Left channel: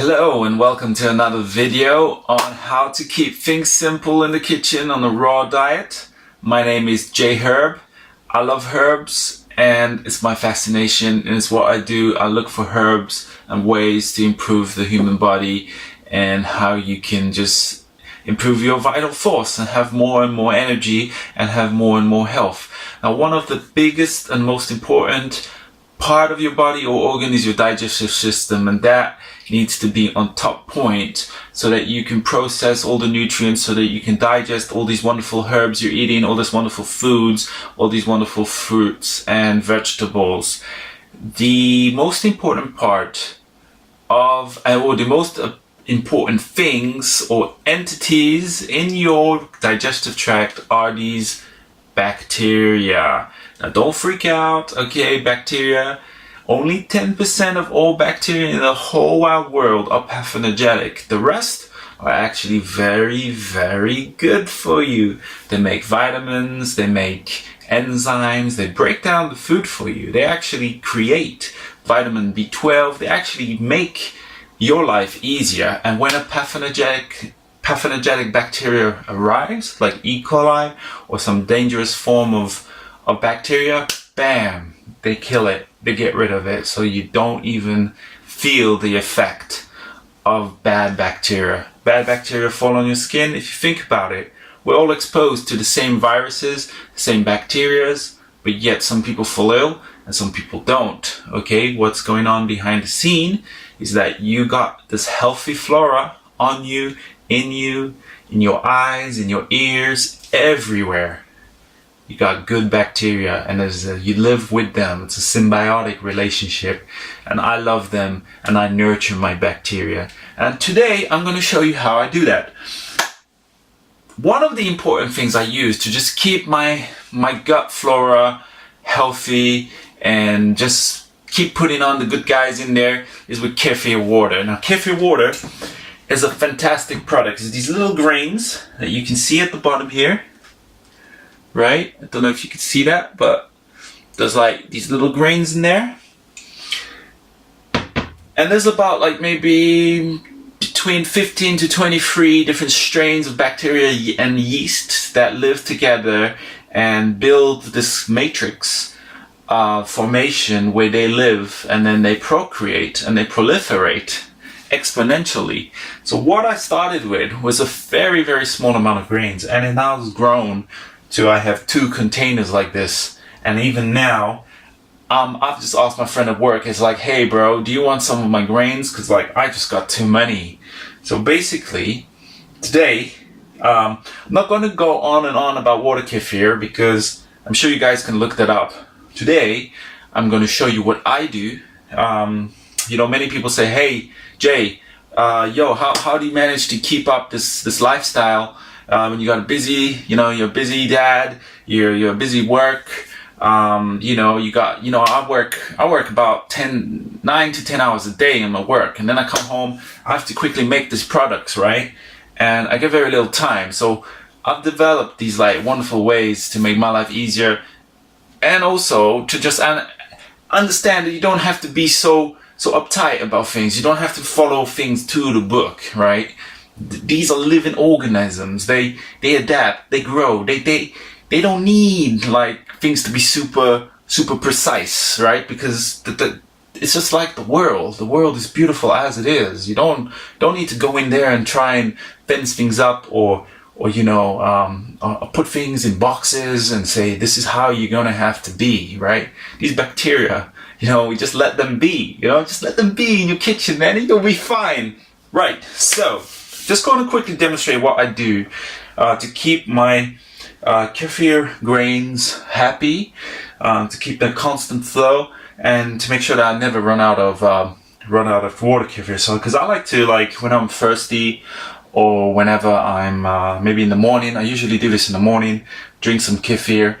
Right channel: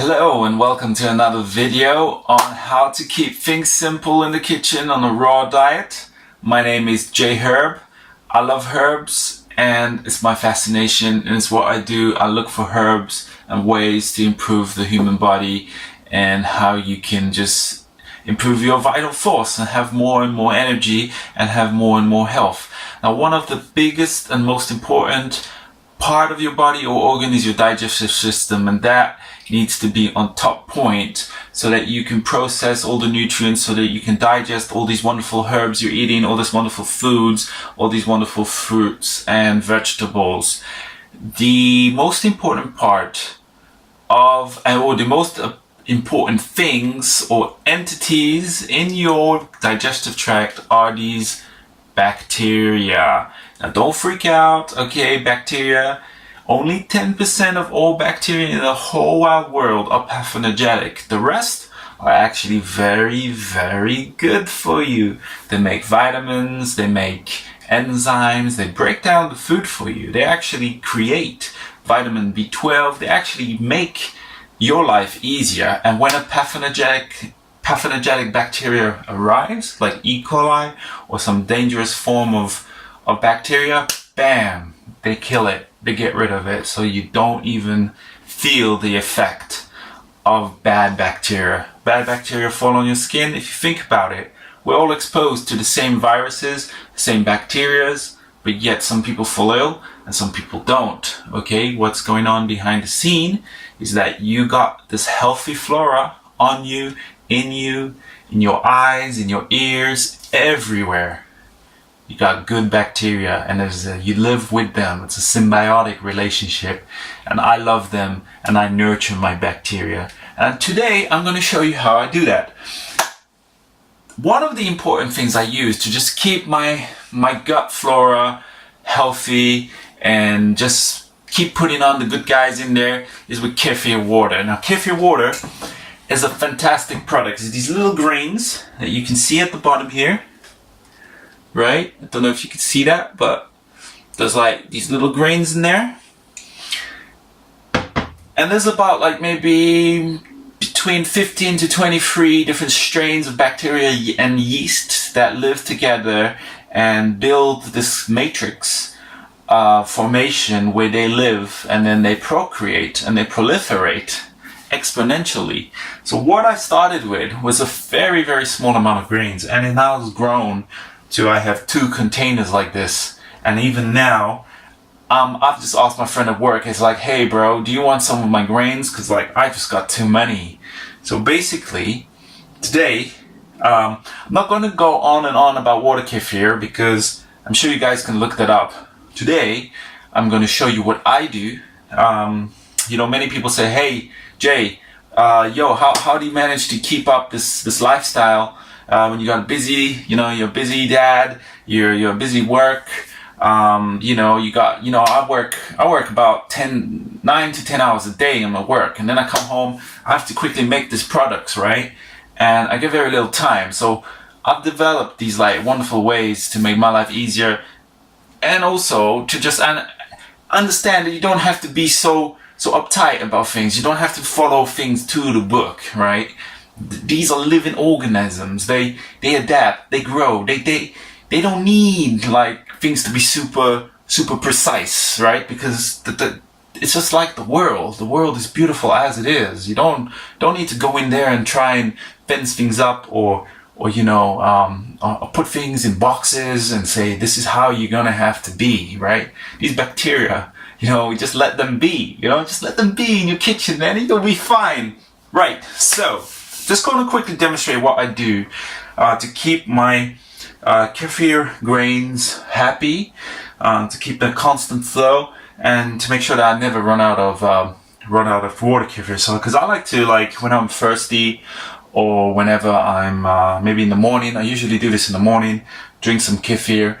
Hello and welcome to another video on how to keep things simple in the kitchen on a raw diet. My name is J Herb. I love herbs and it's my fascination and it's what I do. I look for herbs and ways to improve the human body and how you can just improve your vital force and have more and more energy and have more and more health. Now, one of the biggest and most important part of your body or organ is your digestive system, and that needs to be on top point so that you can process all the nutrients, so that you can digest all these wonderful herbs you're eating, all these wonderful foods, all these wonderful fruits and vegetables. The most important part of, or the most important things or entities in your digestive tract are these bacteria. Now don't freak out, okay? Bacteria, only 10% of all bacteria in the whole wide world are pathogenic. The rest are actually very, very good for you. They make vitamins, they make enzymes, they break down the food for you. They actually create vitamin B12, they actually make your life easier. And when a pathogenic bacteria arrives, like E. coli or some dangerous form of bacteria, bam, they kill it, they get rid of it, so you don't even feel the effect of bad bacteria. Bad bacteria fall on your skin. If you think about it, we're all exposed to the same viruses, the same bacterias, but yet some people fall ill and some people don't. Okay, what's going on behind the scene is that you got this healthy flora on you, in your eyes, in your ears, everywhere. You got good bacteria and you live with them. It's a symbiotic relationship, and I love them and I nurture my bacteria. And today I'm going to show you how I do that. One of the important things I use to just keep my gut flora healthy and just keep putting on the good guys in there is with kefir water. Now, kefir water is a fantastic product. It's these little grains that you can see at the bottom here, right? I don't know if you can see that, but there's like these little grains in there. And there's about like maybe between 15 to 23 different strains of bacteria and yeast that live together and build this matrix formation where they live, and then they procreate and they proliferate exponentially. So what I started with was a very, very small amount of grains, and it now has grown to I have 2 containers like this. And even now, I've just asked my friend at work, it's like, hey bro, do you want some of my grains? Because like I just got too many. So basically, today, I'm not going to go on and on about water kefir because I'm sure you guys can look that up. Today, I'm going to show you what I do. You know, many people say, hey, Jay, how do you manage to keep up this lifestyle when you got a busy, you're a busy dad, you're a busy work, I work about 9 to 10 hours a day in my work, and then I come home, I have to quickly make these products, right? And I get very little time. So I've developed these like wonderful ways to make my life easier, and also to just understand that you don't have to be so uptight about things. You don't have to follow things to the book, right? These are living organisms. They adapt, they grow. They don't need like things to be super precise, right? Because it's just like the world. The world is beautiful as it is. You don't need to go in there and try and fence things up or put things in boxes and say this is how you're gonna have to be, right? These bacteria, we just let them be, just let them be in your kitchen, man, and you'll be fine. Right, so just going to quickly demonstrate what I do to keep my kefir grains happy, to keep the constant flow, and to make sure that I never run out of water kefir. So, because I like to, when I'm thirsty or whenever I'm maybe in the morning, I usually do this in the morning, drink some kefir,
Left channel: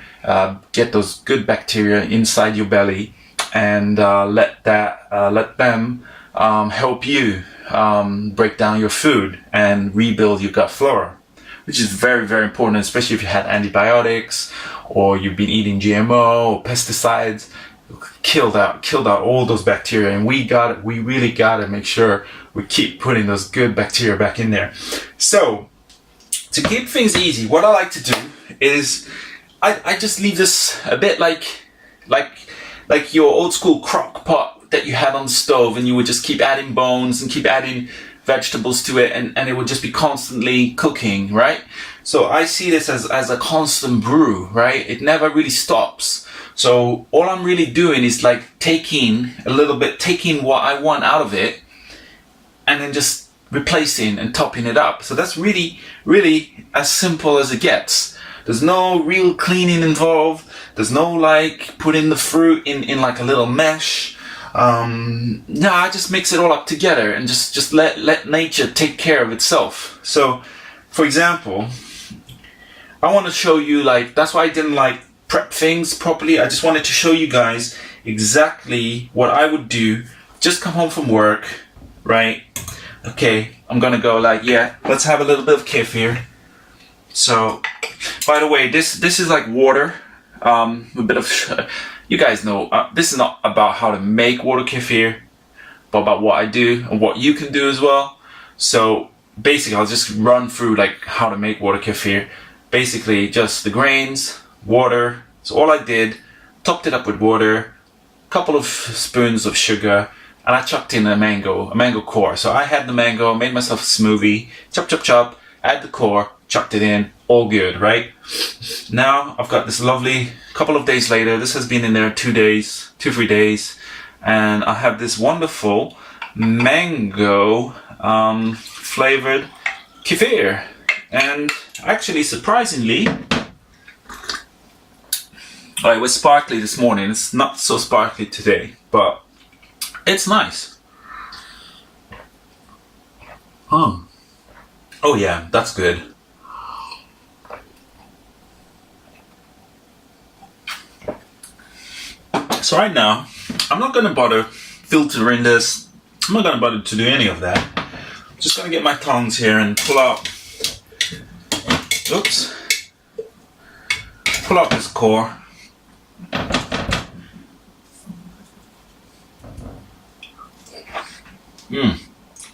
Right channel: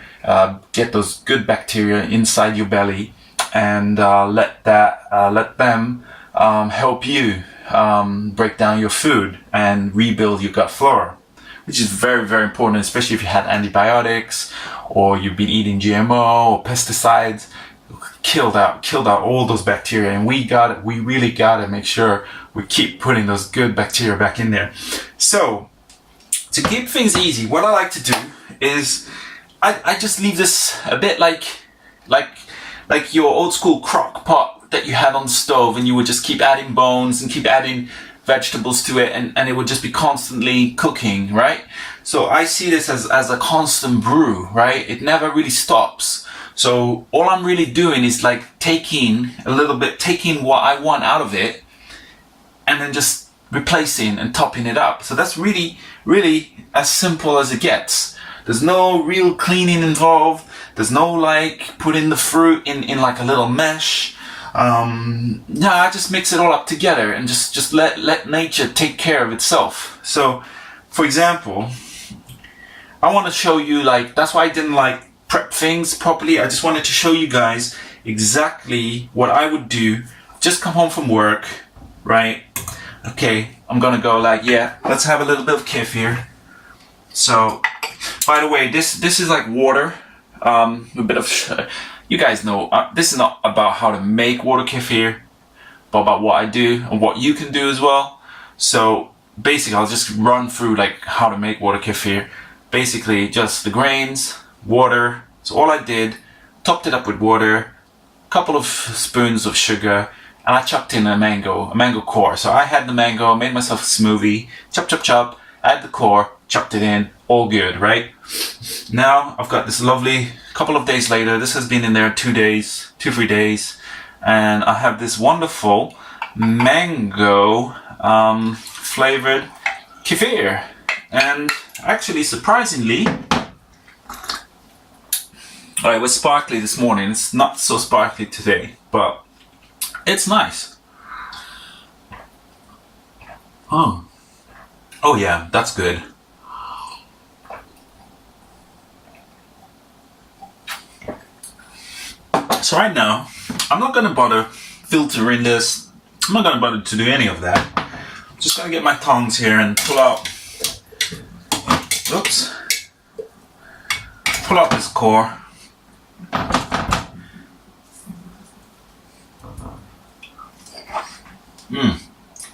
get those good bacteria inside your belly, and let them help you break down your food and rebuild your gut flora, which is very, very important, especially if you had antibiotics or you've been eating GMO or pesticides. killed out all those bacteria, and we really gotta make sure we keep putting those good bacteria back in there. So to keep things easy, what I like to do is I just leave this a bit like your old school crock pot that you had on the stove, and you would just keep adding bones and keep adding vegetables to it, and it would just be constantly cooking, right? So I see this as a constant brew, right? It never really stops. So all I'm really doing is like taking what I want out of it and then just replacing and topping it up. So that's really, really as simple as it gets. There's no real cleaning involved. There's no like putting the fruit in like a little mesh. No, I just mix it all up together and just let nature take care of itself. So, for example, I want to show you, like, that's why I didn't like prep things properly. I just wanted to show you guys exactly what I would do. Just come home from work, right? Okay, I'm gonna go like, yeah, let's have a little bit of kefir. So, by the way, this is like water, a bit of, you guys know, this is not about how to make water kefir, but about what I do and what you can do as well. So basically, I'll just run through like how to make water kefir. Basically, just the grains, water. So all I did, topped it up with water, a couple of spoons of sugar, and I chucked in a mango core. So I had the mango, made myself a smoothie, chop, add the core, chucked it in, all good, right? Now I've got this lovely, couple of days later, this has been in there 3 days, and I have this wonderful mango flavored kefir. And actually, surprisingly, it was sparkly this morning. It's not so sparkly today, but it's nice. Oh yeah, that's good. So right now, I'm not gonna bother filtering this. I'm not gonna bother to do any of that. I'm just gonna get my tongs here and pull out this core.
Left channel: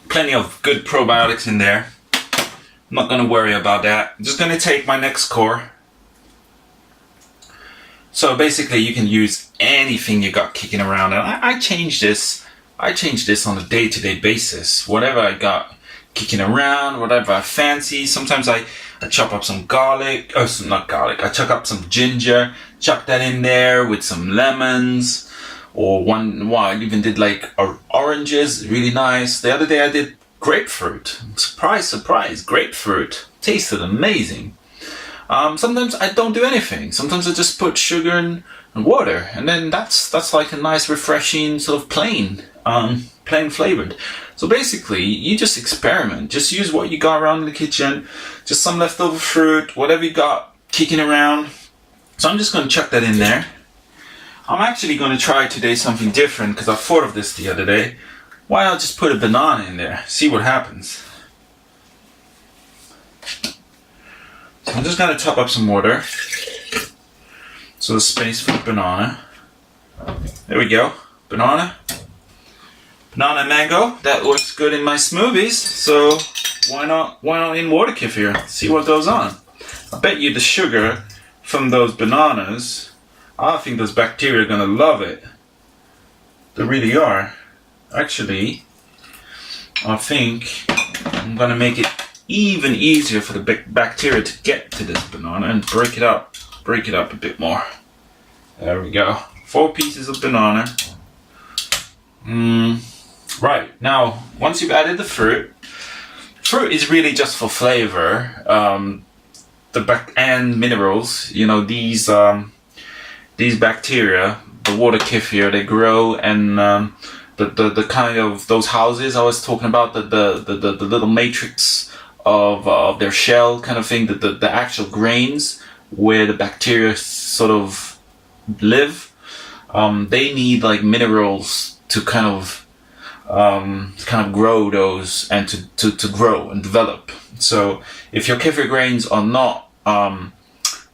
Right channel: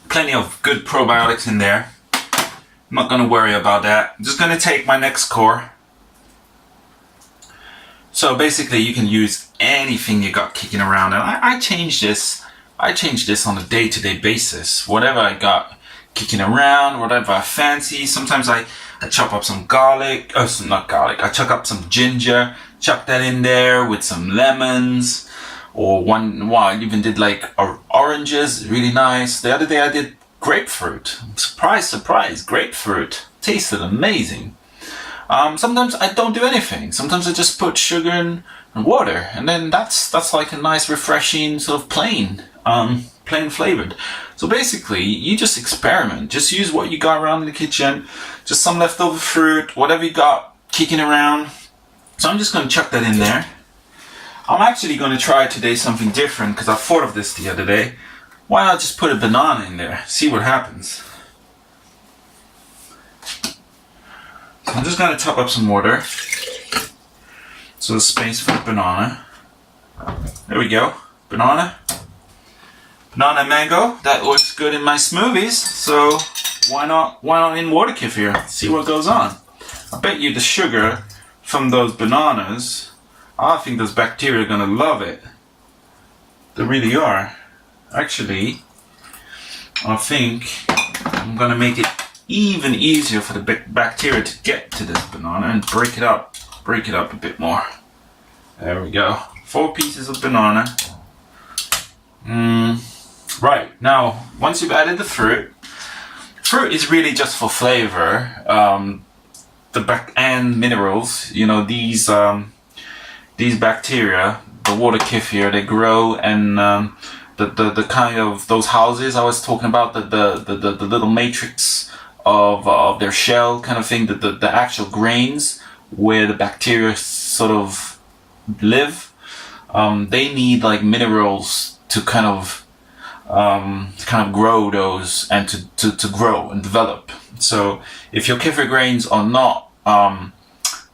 Plenty of good probiotics in there. I'm not going to worry about that. I'm just going to take my next core. So basically you can use anything you got kicking around, and I change this on a day-to-day basis. Whatever I got kicking around, whatever I fancy. Sometimes I chop up some garlic, not garlic, I chuck up some ginger, chuck that in there with some lemons, or I even did like oranges, really nice. The other day I did grapefruit. Surprise, grapefruit. Tasted amazing. Sometimes I don't do anything. Sometimes I just put sugar and water, and then that's like a nice refreshing sort of plain flavored. So basically, you just experiment. Just use what you got around in the kitchen, just some leftover fruit, whatever you got kicking around. So I'm just going to chuck that in there. I'm actually going to try today something different because I thought of this the other day. Why not just put a banana in there? See what happens. So I'm just going to top up some water. So there's space for the banana. There we go. Banana and mango. That works good in my smoothies. So why not in water kefir? See what goes on. I bet you the sugar from those bananas, I think those bacteria are gonna love it. They really are. Actually, I think I'm gonna make it even easier for the bacteria to get to this banana and break it up a bit more. There we go. 4 pieces of banana. Right, now once you've added the fruit is really just for flavor, and minerals. You know, these bacteria, the water kefir, they grow, and the kind of those houses I was talking about, the little matrix of their shell kind of thing, the actual grains where the bacteria sort of live, they need like minerals to kind of grow those and to grow and develop. So if your kefir grains are not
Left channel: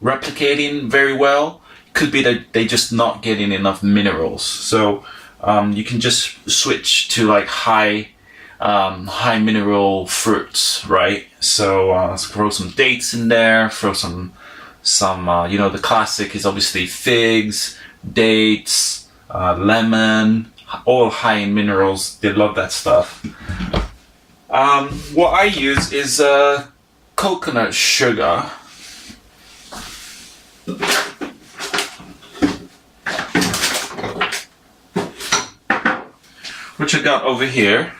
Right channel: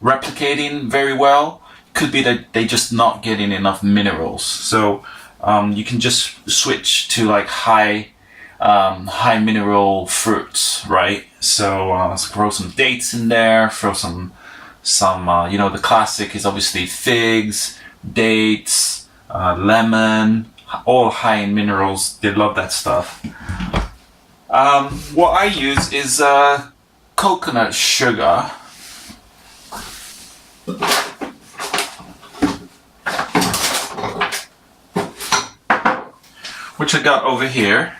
replicating very well, could be that they just not getting enough minerals. So you can just switch to like high mineral fruits, right? So let's throw some dates in there, throw some you know, the classic is obviously figs, dates, lemon, all high in minerals. They love that stuff. What I use is coconut sugar. Which I got over here.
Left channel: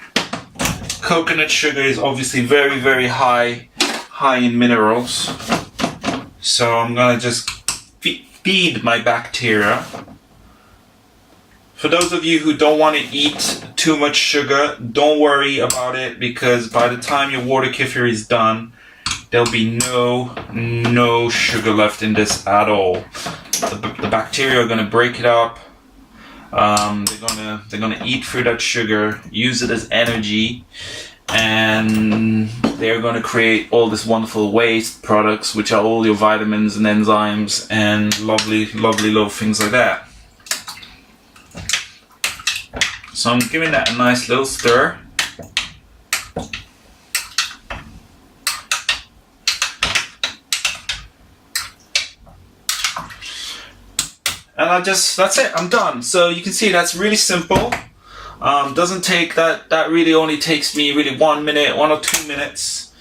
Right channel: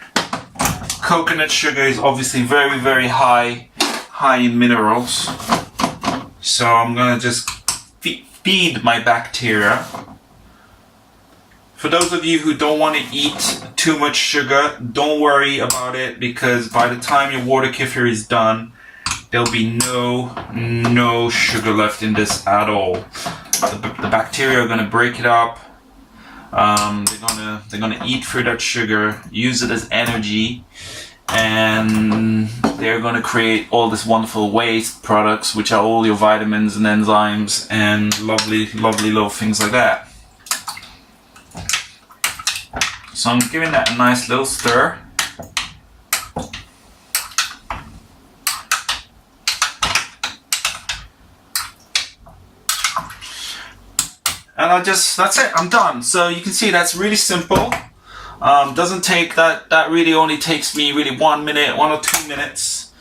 Coconut sugar is obviously very, very high in minerals. So I'm gonna just feed my bacteria. For those of you who don't want to eat too much sugar, don't worry about it, because by the time your water kefir is done, there'll be no sugar left in this at all. The bacteria are gonna break it up. They're gonna eat through that sugar, use it as energy, and they're gonna create all this wonderful waste products, which are all your vitamins and enzymes and lovely little things like that. So I'm giving that a nice little stir. And that's it, I'm done. So you can see that's really simple. Doesn't take that really only takes me really 1 minute, 1 or 2 minutes.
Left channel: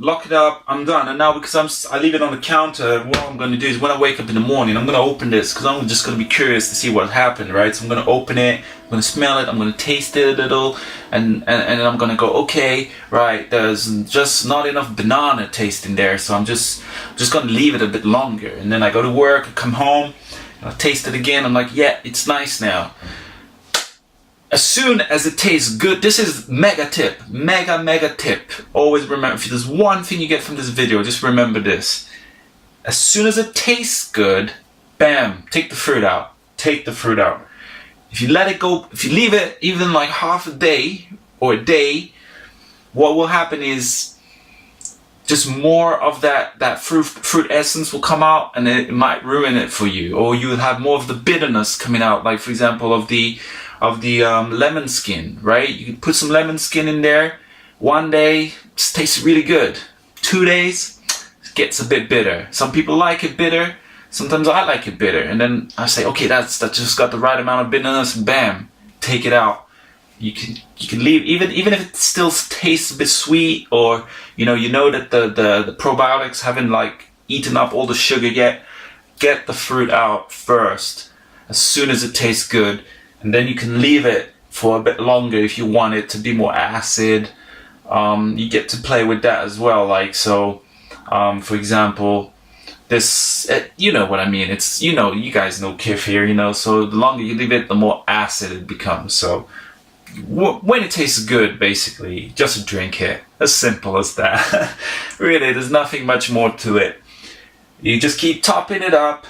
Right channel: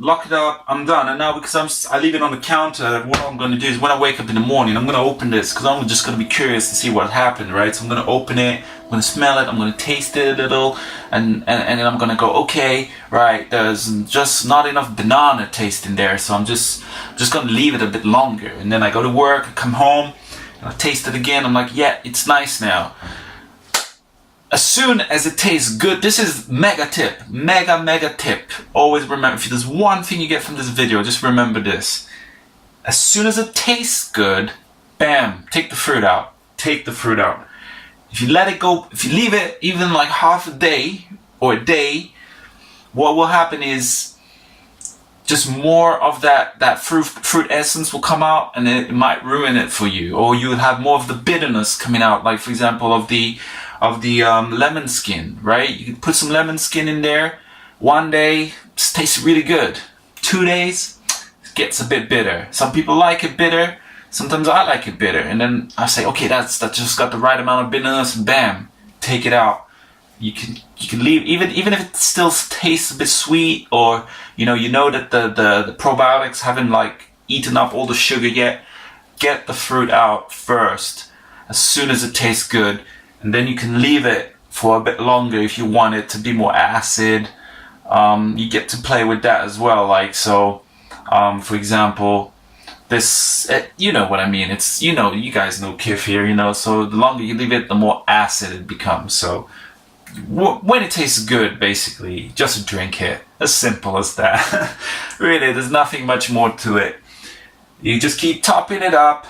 Lock it up, I'm done. And now because I leave it on the counter, what I'm going to do is when I wake up in the morning, I'm going to open this because I'm just going to be curious to see what happened, right? So I'm going to open it, I'm going to smell it, I'm going to taste it a little, and then I'm going to go, okay, right, there's just not enough banana taste in there, so I'm just going to leave it a bit longer. And then I go to work, I come home, I taste it again, I'm like, yeah, it's nice now. As soon as it tastes good, this is mega tip. Always remember, if there's one thing you get from this video, just remember this. As soon as it tastes good, bam, take the fruit out. Take the fruit out. If you let it go, if you leave it even like half a day or a day, what will happen is just more of that fruit essence will come out, and it might ruin it for you. Or you would have more of the bitterness coming out, like for example of the lemon skin, right? You can put some lemon skin in there. 1 day, it tastes really good. 2 days, it gets a bit bitter. Some people like it bitter. Sometimes I like it bitter. And then I say, okay, that just got the right amount of bitterness. Bam, take it out. You can leave, even if it still tastes a bit sweet, or you know that the probiotics haven't like eaten up all the sugar yet. Get the fruit out first, as soon as it tastes good. And then you can leave it for a bit longer if you want it to be more acid. You get to play with that as well. Like, so, for example, this, you know what I mean. It's, you guys know kefir, so the longer you leave it, the more acid it becomes. So when it tastes good, basically, just drink it. As simple as that. Really, there's nothing much more to it. You just keep topping it up,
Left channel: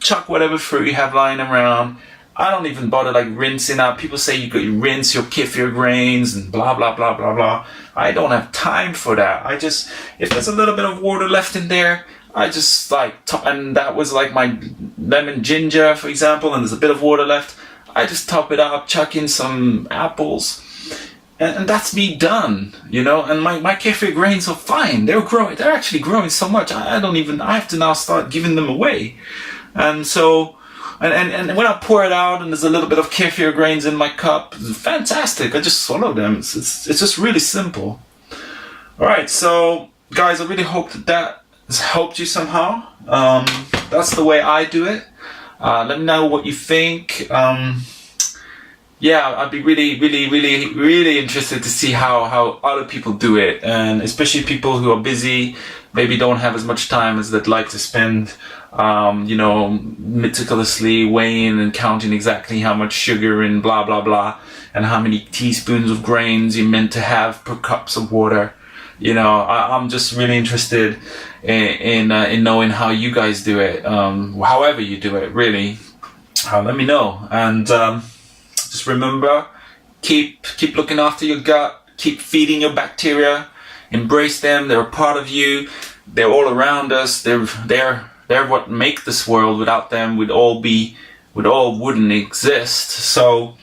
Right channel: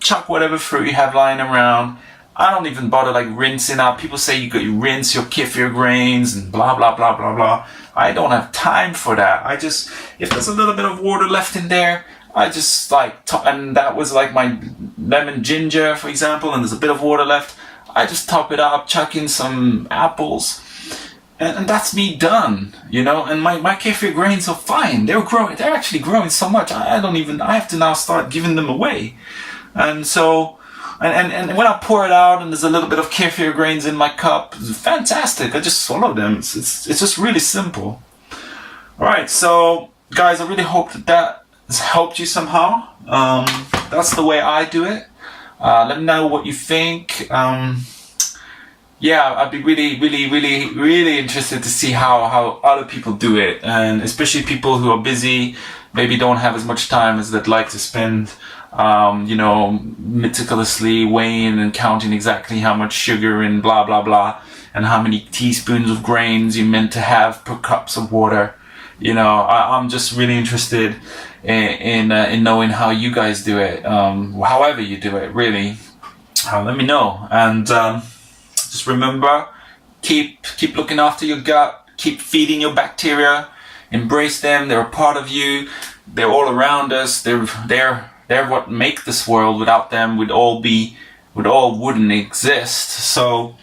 chuck whatever fruit you have lying around. I don't even bother like rinsing out. People say you could rinse your kefir grains and blah, blah, blah, blah, blah. I don't have time for that. If there's a little bit of water left in there, I just like, and that was like my lemon ginger, for example, and there's a bit of water left. I just top it up, chuck in some apples, and that's me done, and my kefir grains are fine. They're actually growing so much. I have to now start giving them away. And so, and when I pour it out and there's a little bit of kefir grains in my cup, it's fantastic. I just swallow them. It's just really simple. All right, so guys, I really hope that has helped you somehow. That's the way I do it. Let me know what you think. Yeah, I'd be really interested to see how other people do it, and especially people who are busy, maybe don't have as much time as they'd like to spend, meticulously weighing and counting exactly how much sugar and blah blah blah, and how many teaspoons of grains you're meant to have per cups of water. I'm just really interested in knowing how you guys do it, however you do it, really. Let me know. And just remember, keep looking after your gut, keep feeding your bacteria, embrace them. They're a part of you. They're all around us. They're They're what make this world. Without them, we'd all wouldn't exist. So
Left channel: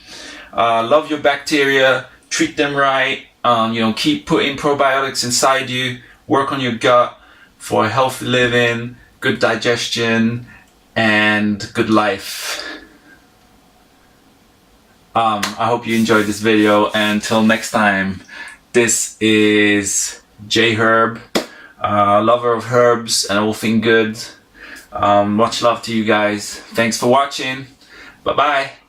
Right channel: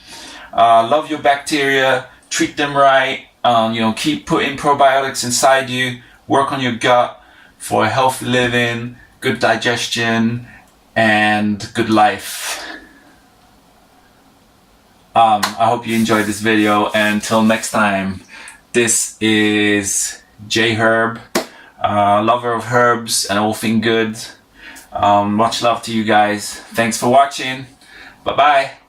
love your bacteria, treat them right, keep putting probiotics inside you, work on your gut for a healthy living, good digestion, and good life. I hope you enjoyed this video. Until next time, this is J Herb, lover of herbs and all things good. Much love to you guys. Thanks for watching. Bye bye.